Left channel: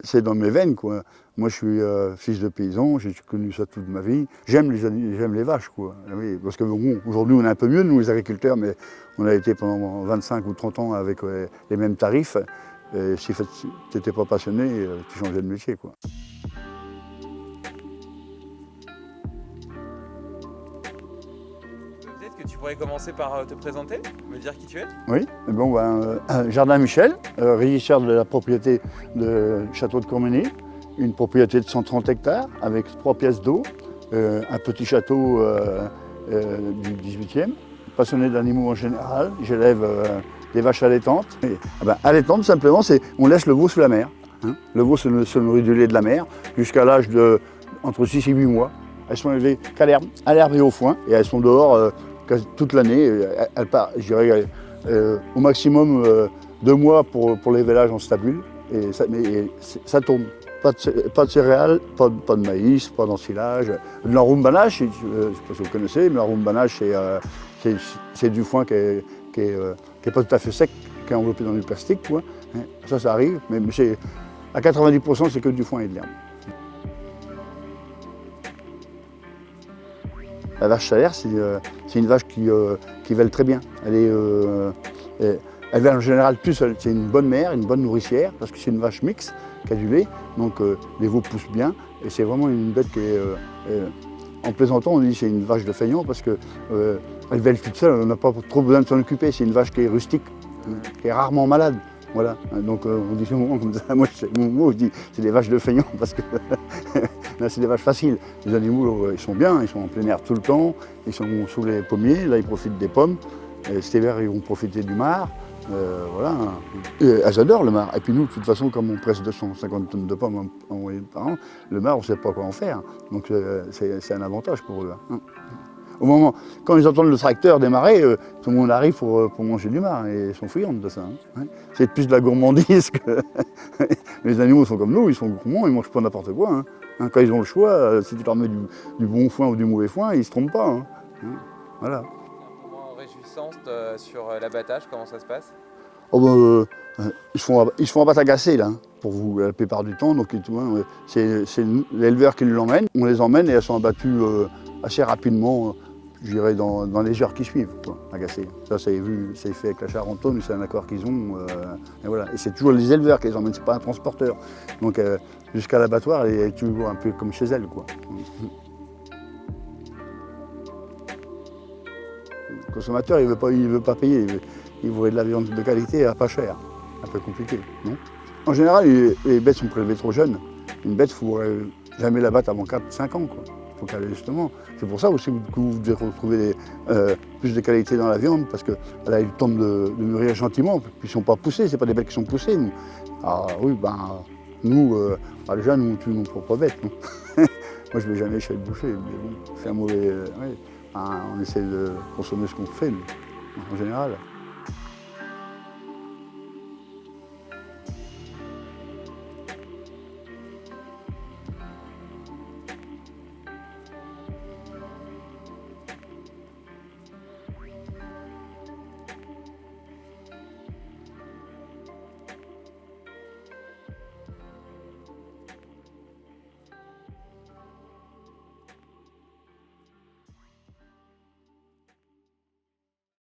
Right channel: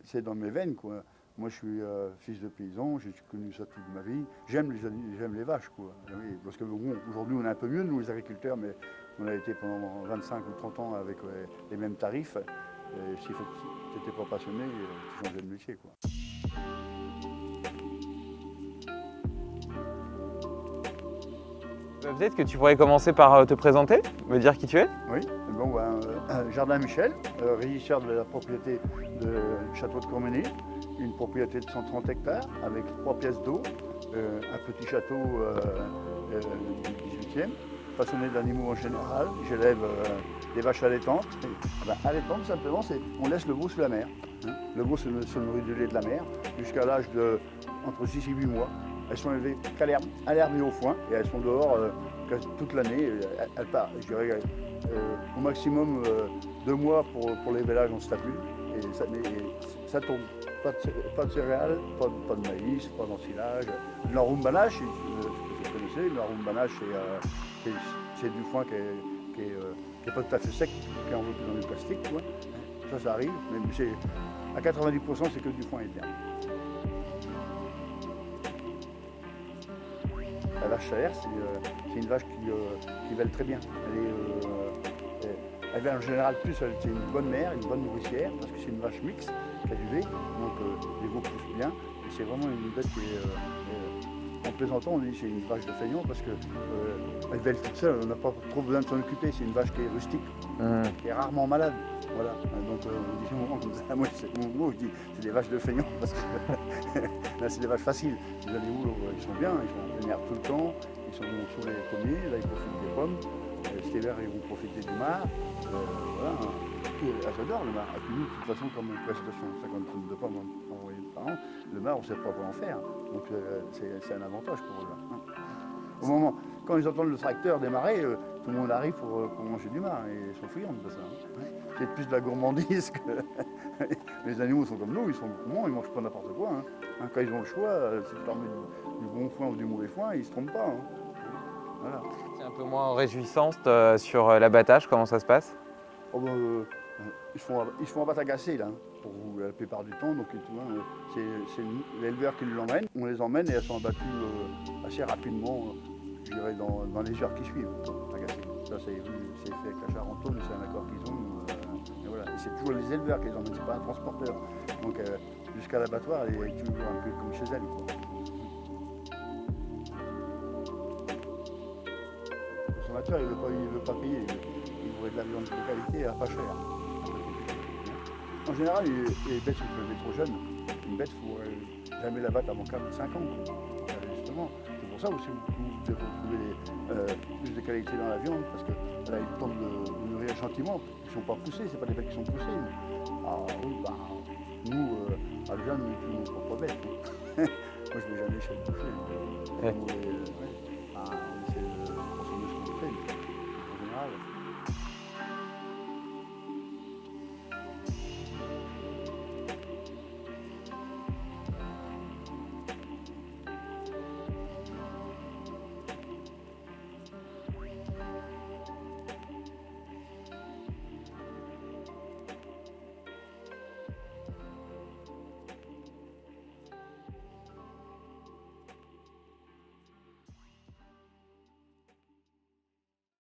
C'est dans mes veines, quoi. Moi, je suis fils de paysan, j'ai connu ça toute ma vie. J'aime les vaches, quoi. Oui, parce que bon, aujourd'hui, on est un peu mieux, nous, les agriculteurs, mais on a été pendant 25 ou 30 ans avec les mêmes tarifs. Et si tu n'étais pas passionné, tu changeais de métier, quoi. Peut-être que tu pourrais commencer par te présenter, me dire qui tu es. Oui, bon, Jardin Michel, régisseur de la propriété de Château de Cormené, une propriété de 130 hectares avec 3 pièces d'eau, un petit château du 18e, passionné d'animaux en général. J'élève des vaches allaitantes. Allaitantes, simplement, c'est on laisse le veau sous la mer. Hein. Le veau se nourrit du lait de la mer jusqu'à l'âge de entre 6 et 8 mois. Elles sont élevées qu'à l'herbe et au foin, et elles sont dehors toute l'année. Elles partent, je dirais, au maximum 2 mois pour l'évélage en stabule. Et ça tourne. Pas de céréales, pas de maïs, pas d'ensilage. De l'enrumbanage, je ne sais pas si vous connaissez, mais l'enrumbanage, c'est du foin qui est pas tout à fait sec, qui est enveloppé dans du plastique, quoi. Ça arrive, mais à 90%, c'est que du foin et de l'herbe. La vache salaire, c'est une vache qui vèle très bien. Elle vèle en général plus seule. C'est une bonne mère, une bonne nourricière, parce que c'est une vache mixte qui a du lait, donc les veaux poussent bien. Et c'est vraiment une bête qui est... en plaisantant, on dit que c'est une vache de feignant, parce qu'elle vèle toute seule, on n'a pas trop besoin de s'en occuper. C'est une vache qui est rustique, qui est rarement malade. Voilà, donc on dit souvent comme ça, moi je dis c'est des vaches de feignants parce que là c'est des vaches faciles. Les animaux ils sont bien, ils sont en plein air tout le temps, ils sont sous les pommiers, là ils profitent des pommes. Cet hiver ils vont profiter du mar, voilà. Elles adorent le mar. Et puis nous de toute façon comme on presse 250 tonnes de pommes en moyenne par an, le mar on ne sait pas quoi en faire. Donc c'est un avantage pour eux. Hein. Au moment, quand ils entendent le tracteur démarrer, tout le monde arrive pour manger du mar et ils sont friandes de ça. Hein. C'est plus de la gourmandise que... Les animaux sont comme nous, ils sont gourmands, ils ne mangent pas n'importe quoi. Hein. Quand ils ont le choix, si tu leur mets du bon foin ou du mauvais foin, ils ne se trompent pas. Hein. Voilà. C'est un peu moins réjouissante sur l'abattage, comment ça se passe? Oh, ils se font abattre agacés là, pour vous, la plupart du temps. Donc c'est l'éleveur qui l'emmène. On les emmène et elles sont abattues assez rapidement. Je dirais dans les heures qui suivent, quoi, agacées. Ça, c'est fait avec la Charentonne, c'est un accord qu'ils ont. Et voilà. Et c'est toujours les éleveurs qui les emmènent, c'est pas un transporteur. Donc jusqu'à l'abattoir, elle est toujours un peu comme chez elle, quoi. Le consommateur, il veut pas payer. Il voudrait de la viande de qualité à pas cher. Un peu compliqué, non? En général, les bêtes sont prélevées trop jeunes. Une bête, il ne faut jamais la battre avant 4-5 ans, quoi. Faut qu'elle, justement. C'est pour ça aussi que vous devez retrouver plus de qualité dans la viande, parce qu'elle a eu le temps de mûrir gentiment, puis ils ne sont pas poussés, ce pas des bêtes qui sont poussées. Nous. Ah oui, nous, déjà, nous, on tue nos propres bêtes. Moi, je ne vais jamais chez le boucher, mais bon, c'est un mauvais... on essaie de consommer ce qu'on fait, nous, en général.